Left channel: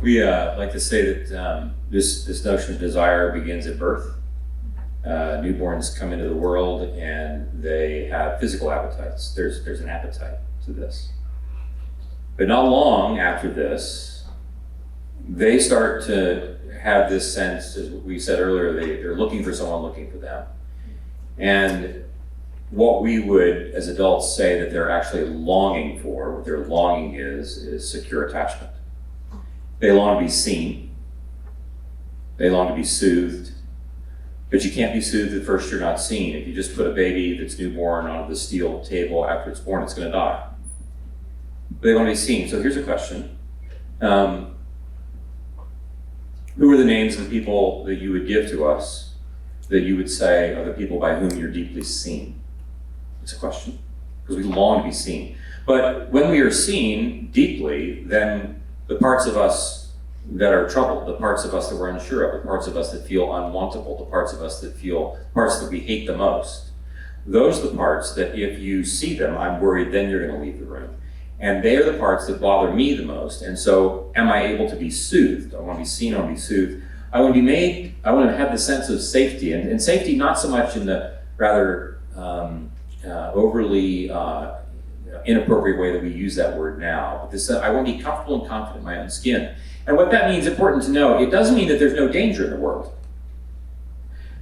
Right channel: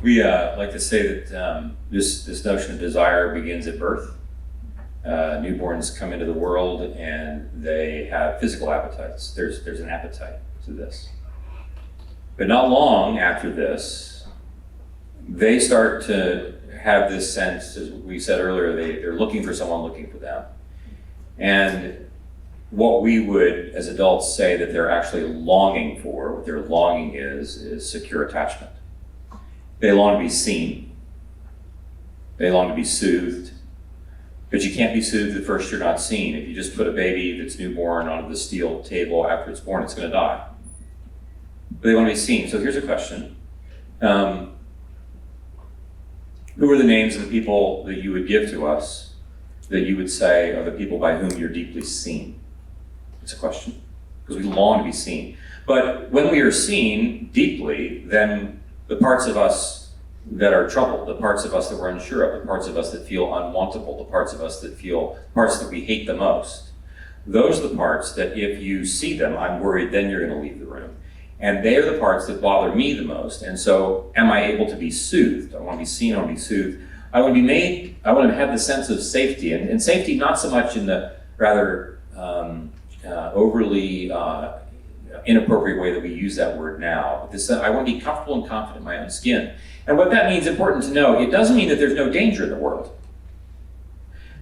We like to say that this notion of desire begins at birth. Newborns come into the world and they have physical appetites. There's an appetite to this. But not long after this, they start to have this sense, as we said earlier, they're looking for someone looking for them. And what we would, as adults, say that they're actually longing for, what their longing is secure attachment. They long to be seen. They long to be soothed. But you can't be soothed at first you're not seen. If you just put a baby that's newborn onto the steel table after it's born, it's going to die. But they want to be seen. So here's a question. Who are the names of the people that you would give to us that you would say are the people by whom you're deeply seen? It's a question. Because we long to be seen. But when we are seen deeply, then the parts of us that are troubled, the parts of us that we're unsure of, the parts of us that feel unwantable, the parts of us that we hate the most, those are the parts that if you see them, I'm worried then you're going to leave the room. And they are the parts that bother me the most. And so am I able to be soothed? I want to be seen, I want to be soothed. I want to be made, I want to have the sense of safety. And safety not so much in the rather overly inappropriate way that we use that word now. I want to be comfortable and confident in my own skin. And what that means, important to know, it doesn't mean that there's no danger in the world.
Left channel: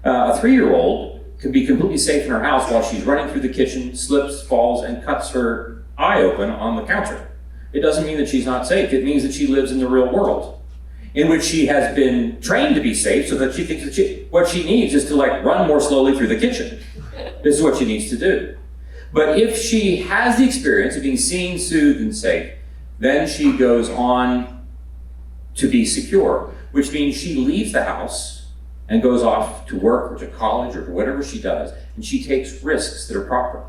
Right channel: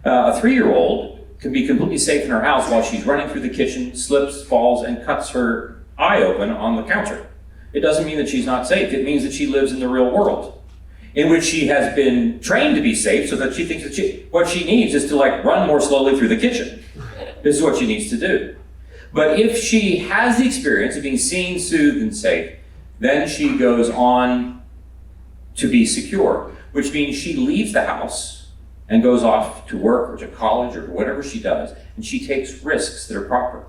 A 3-year-old can be completely safe in her house while she's running through the kitchen, slips, falls, and cuts her eye open on the counter. It doesn't mean that she's not safe. It means that she lives in the real world, in which she has been trained to be safe so that she thinks that what she needs is to run more slowly through the kitchen. This is what she needs to do. But if she has the experience of being seen, soothed, and safe, then she goes on to be secure, which means she leaves the house and goes off to work or to college or to whatever she does, and she takes risks that are proper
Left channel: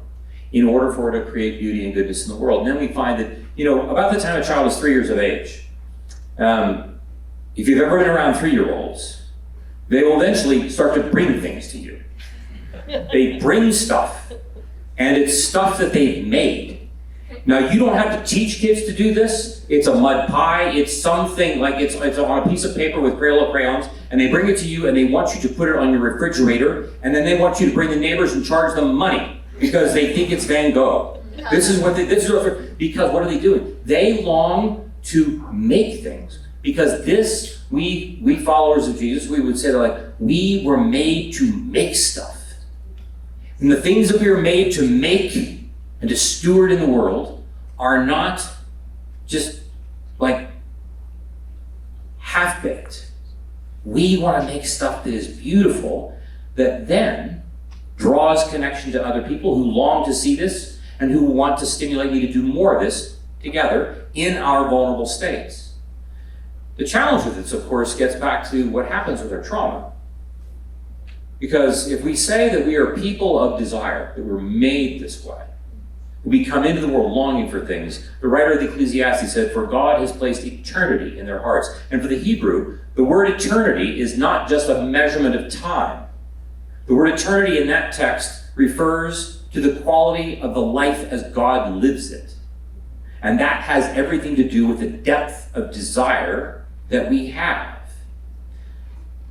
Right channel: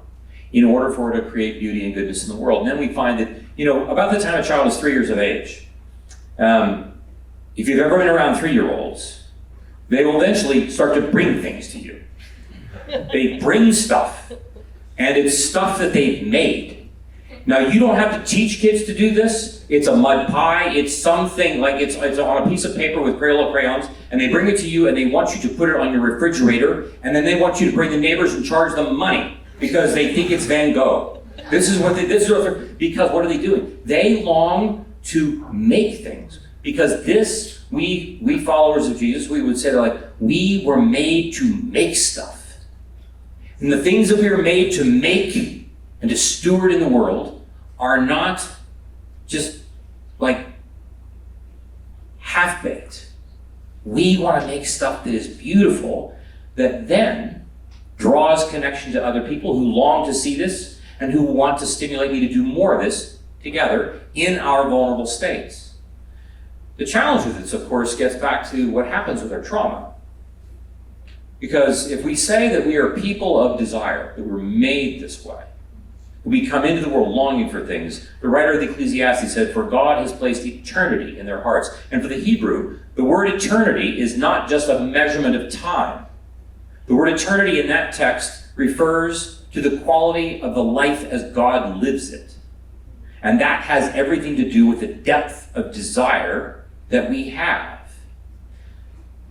in order for her to create beauty and goodness in the world. And then we find that, about the time a child is 3 years of age, if you've ever been around 3-year-olds, they will eventually start to bring things to you. They bring stuff. And it's stuff that they've made. Now, you don't have to teach kids to do this. It's a mud pie. It's something it's on a piece of paper with Crayola crayons, and they bring it to you, and they want you to put it on your refrigerator, and then they want you to bring the neighbors and charge them money because they think it's Van Gogh. Because what are they doing? They long to make things. Because we followers of Jesus, we would say we were made to make stuff. And the things that we were made to make and to steward in the world are not just half-baked. We want to make stuff that is beautiful, that then draws connection to other people who long to see this and who want to stimulate me to do more of this together in our vulnerable states. The challenge with this, of course, gets back to what happens with our trauma. Because if we say that we are people of desire, that we're made this way, we come into the world longing for things, the writer of the Ecclesiastes said, "For God has placed eternity in their hearts." And for the Hebrew, the word eternity is not just a measurement of time. The word eternity in that text refers to the quality of the life as God lives it. And that has everything to do with the depth of desire that we have.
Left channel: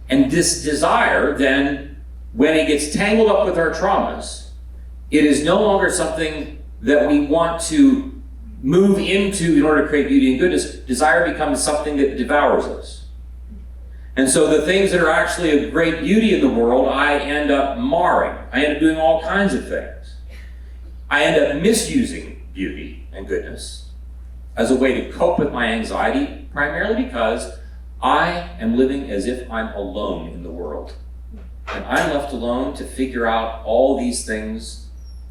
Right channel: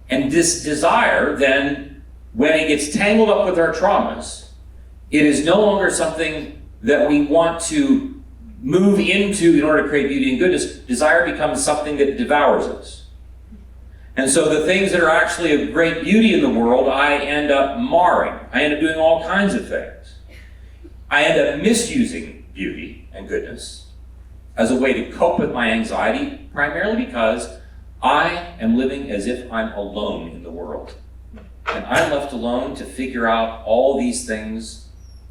And this desire then, when it gets tangled up with our traumas, it is no longer something that we want to move into in order to create beauty and goodness. Desire becomes something that devours us. And so the things that are actually of great beauty in the world, I end up marring. I end up doing all kinds of things. I end up misusing beauty and goodness as a way to cope with my anxiety, primarily because I am living as if I'm alone in the world. And I'm left alone to figure out all these things,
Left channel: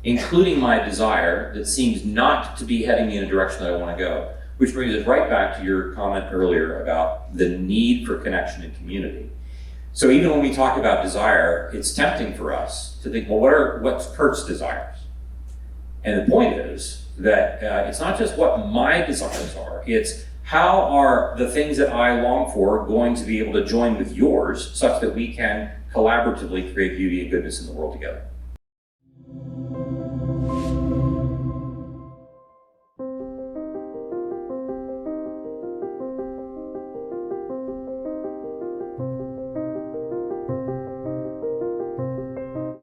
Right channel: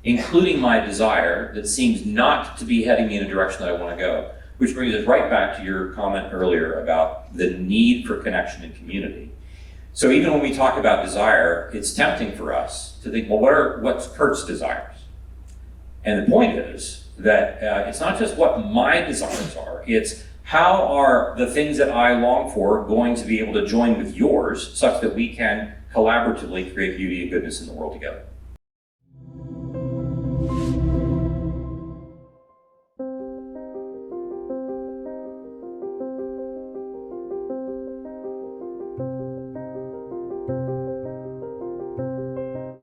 including my desire that seems not to be heading me in a direction that I want to go. Which brings us right back to your comment earlier about the need for connection and community. So even when we talk about desire, it's tempting for us to think, well, what's Curt's desires? And the point is that it's not just what my desires are, it's how are the things that I long for going to be able to join with yours such that we can collaboratively create beauty and goodness in the world together.